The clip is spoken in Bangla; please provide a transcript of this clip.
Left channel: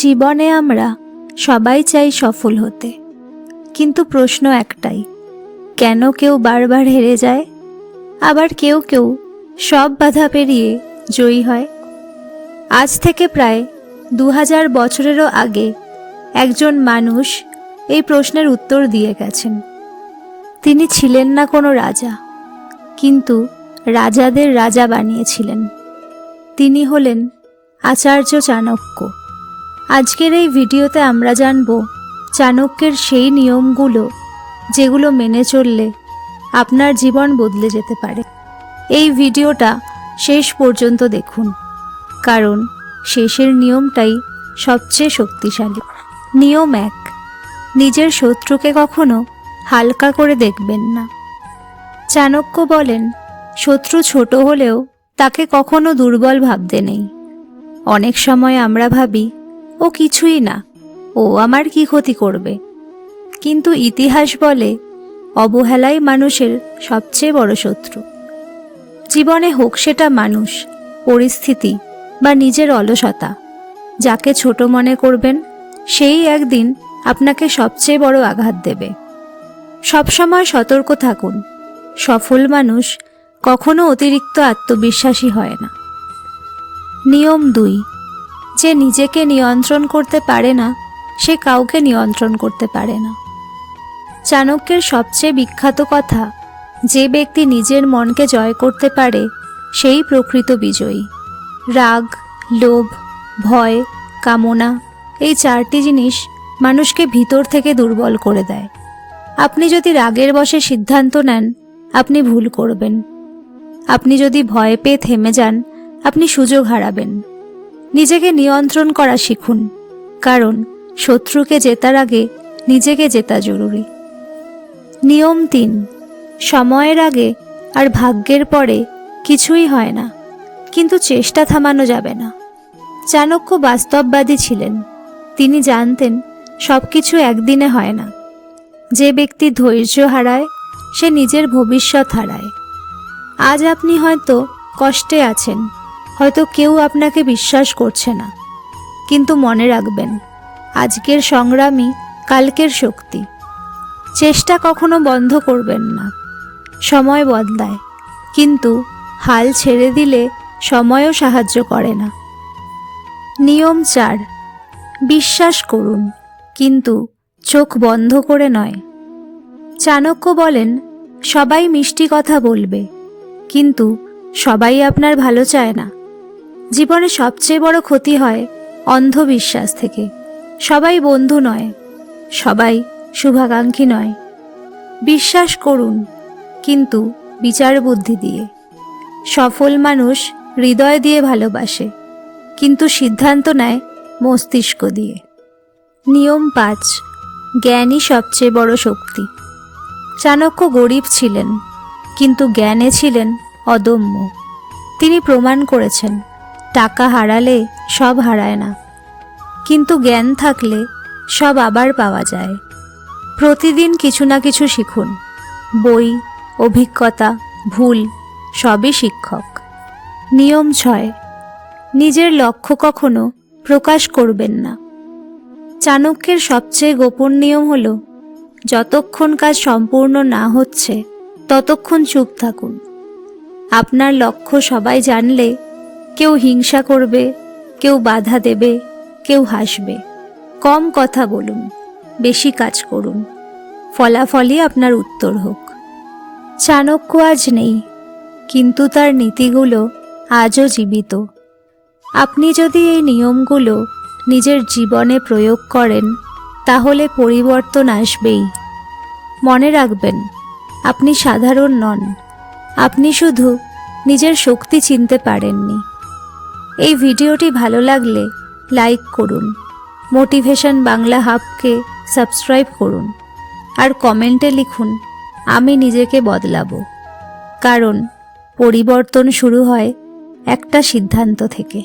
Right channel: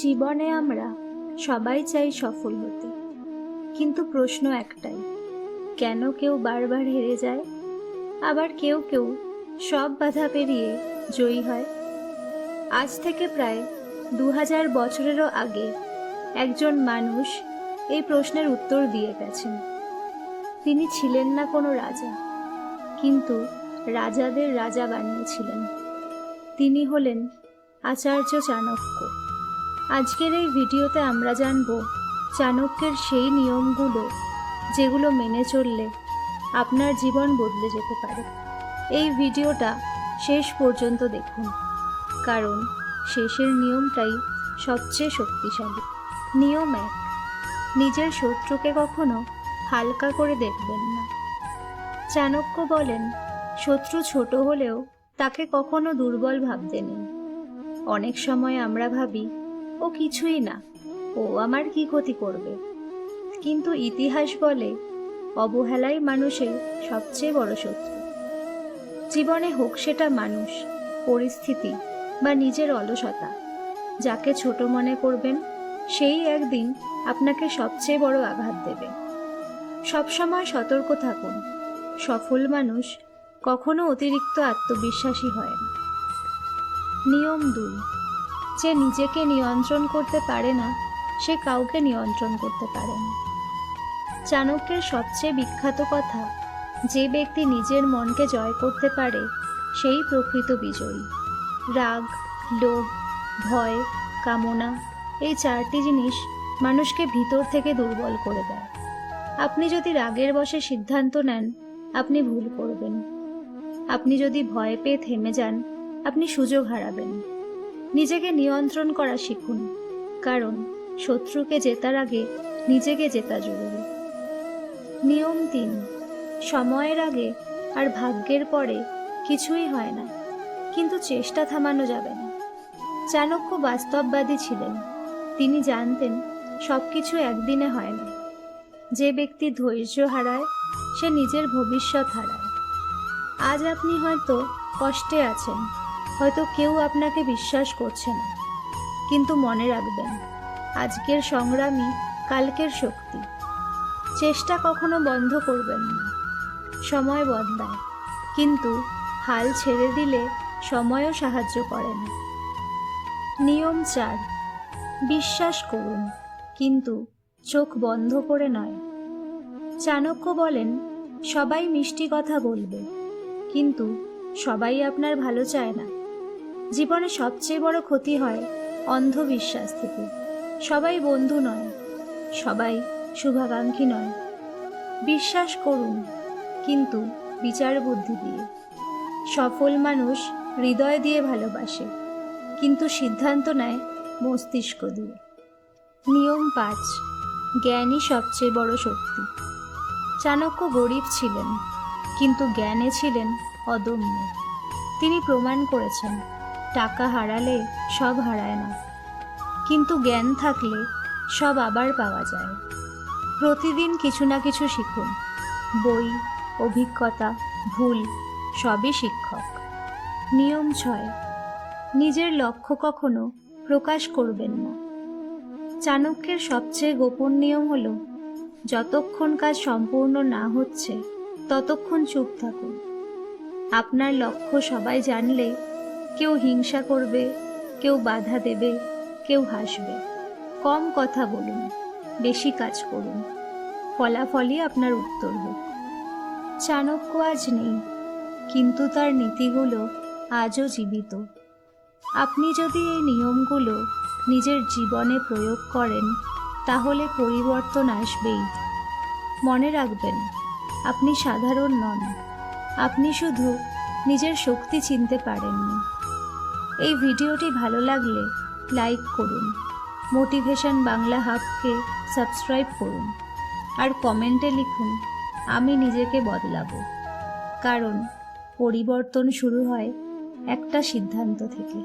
জীবনে আমরা সবাই চাই সফল হতে, কিন্তু প্রশ্ন একটাই, কেন কেউ বারবার হেরে যায়, আবার কেউ কেউ সব বাধা পেরিয়ে জয়ী হয়। আজ থেকে প্রায় 2000 বছরেরও আগে একজন মানুষ এই প্রশ্নের উত্তর দিয়ে গেছেন। তিনি ছিলেন না কোনো রাজা, কিন্তু রাজাদের রাজা বানিয়েছিলেন। তিনি হলেন আচার্য চাণক্য। আজকের এই ভিডিওতে আমরা জানব চাণক্যের সেই নিয়মগুলো যেগুলো মেনে চললে আপনার জীবন বদলে যেতে পারে। এই ভিডিওটা শেষ পর্যন্ত দেখুন, কারণ শেষের নিয়মটাই সবচেয়ে শক্তিশালী। নিয়ম 1, নিজের শত্রুকে কখনো হালকা করে দেখবেন না। চাণক্য বলেন, শত্রু ছোট হলেও তাকে কখনো দুর্বল ভাবতে নেই। অনেক সময় আমরা ভাবি, ও কিছুই না, ও আমার কি ক্ষতি করবে, কিন্তু ইতিহাস বলে অবহেলাই মানুষের সবচেয়ে বড় শত্রু। জীবনে হোক সেটা মানুষ, পরিস্থিতি বা নিজের অলসতা, যাকে ছোট মনে করবেন সেই একদিন আপনাকে সবচেয়ে বড় আঘাত দেবে। সবসময় সতর্ক থাকুন, সফল মানুষ কখনো অতিরিক্ত আত্মবিশ্বাসী হয় না। নিয়ম 2, যে নিজেকে নিয়ন্ত্রণ করতে পারে না সে কাউকে নিয়ন্ত্রণ করতে পারে না। চাণক্যের সবচেয়ে বিখ্যাত কথা, যে ব্যক্তি নিজের মনকে জয় করতে পারে সেই প্রকৃত বিজয়ী। রাগ, লোভ, ভয়, কামনা, এই 4টি জিনিস মানুষকে ভিতর থেকে দুর্বল করে দেয়। আপনি যদি রাগের বশে সিদ্ধান্ত নেন, আপনি ভুল করবেন। আপনি যদি ভয় পেয়ে থেমে যান, আপনি সুযোগ হারাবেন। নিজেকে নিয়ন্ত্রণ করা শিখুন, কারণ শত্রুকে জেতার আগে নিজেকে জেতা জরুরি। নিয়ম 3, সময়ের আগে আর ভাগ্যের পরে কিছুই হয় না, কিন্তু চেষ্টা থামানো যাবে না। চাণক্য বাস্তববাদী ছিলেন। তিনি জানতেন সব কিছু একদিনে হয় না। যে ব্যক্তি ধৈর্য হারায় সে নিজের ভবিষ্যৎ হারায়। আজ আপনি হয়তো কষ্টে আছেন, হয়তো কেউ আপনাকে বিশ্বাস করছে না, কিন্তু মনে রাখবেন, আজকের সংগ্রামই কালকের শক্তি। চেষ্টা কখনো বন্ধ করবেন না। সময় বদলায়, কিন্তু হাল ছেড়ে দিলে সময়ও সাহায্য করে না। নিয়ম 4, বিশ্বাস করুন, কিন্তু চোখ বন্ধ করে নয়। চাণক্য বলেন, সবাই মিষ্টি কথা বলবে, কিন্তু সবাই আপনার ভালো চায় না। জীবনে সবচেয়ে বড় ক্ষতি হয় অন্ধবিশ্বাস থেকে। সবাই বন্ধু নয়, সবাই শুভাকাঙ্ক্ষী নয়। বিশ্বাস করুন, কিন্তু বিচার বুদ্ধি দিয়ে। সফল মানুষ হৃদয় দিয়ে ভালোবাসে, কিন্তু সিদ্ধান্ত নেয় মস্তিষ্ক দিয়ে। নিয়ম 5, জ্ঞানই সবচেয়ে বড় শক্তি। চাণক্য গরিব ছিলেন, কিন্তু জ্ঞানে ছিলেন অদম্য। তিনি প্রমাণ করেছেন, টাকা হারালে সব হারায় না, কিন্তু জ্ঞান থাকলে সব আবার পাওয়া যায়। প্রতিদিন কিছু না কিছু শিখুন। বই, অভিজ্ঞতা, ভুল সবই শিক্ষক। নিয়ম 6, নিজের লক্ষ্য কখনো প্রকাশ করবেন না। চাণক্যের সবচেয়ে গোপন নিয়ম হলো, যতক্ষণ কাজ সম্পূর্ণ না হচ্ছে ততক্ষণ চুপ থাকুন। আপনার লক্ষ্য সবাই জানলে কেউ হিংসা করবে, কেউ বাধা দেবে, কেউ হাসবে। কম কথা বলুন, বেশি কাজ করুন, ফলাফলই আপনার উত্তর হোক। চাণক্য আজ নেই, কিন্তু তার নীতিগুলো আজও জীবিত। আপনি যদি এই নিয়মগুলো নিজের জীবনে প্রয়োগ করেন, তাহলে পরিবর্তন আসবেই। মনে রাখবেন, আপনি সাধারণ নন, আপনি শুধু নিজের শক্তি চিনতে পারেননি। এই ভিডিওটি ভালো লাগলে লাইক করুন, মোটিভেশন বাংলা হাবকে সাবস্ক্রাইব করুন, আর কমেন্টে লিখুন, আমি নিজেকে বদলাবো। কারণ পরিবর্তন শুরু হয় একটা সিদ্ধান্ত থেকে।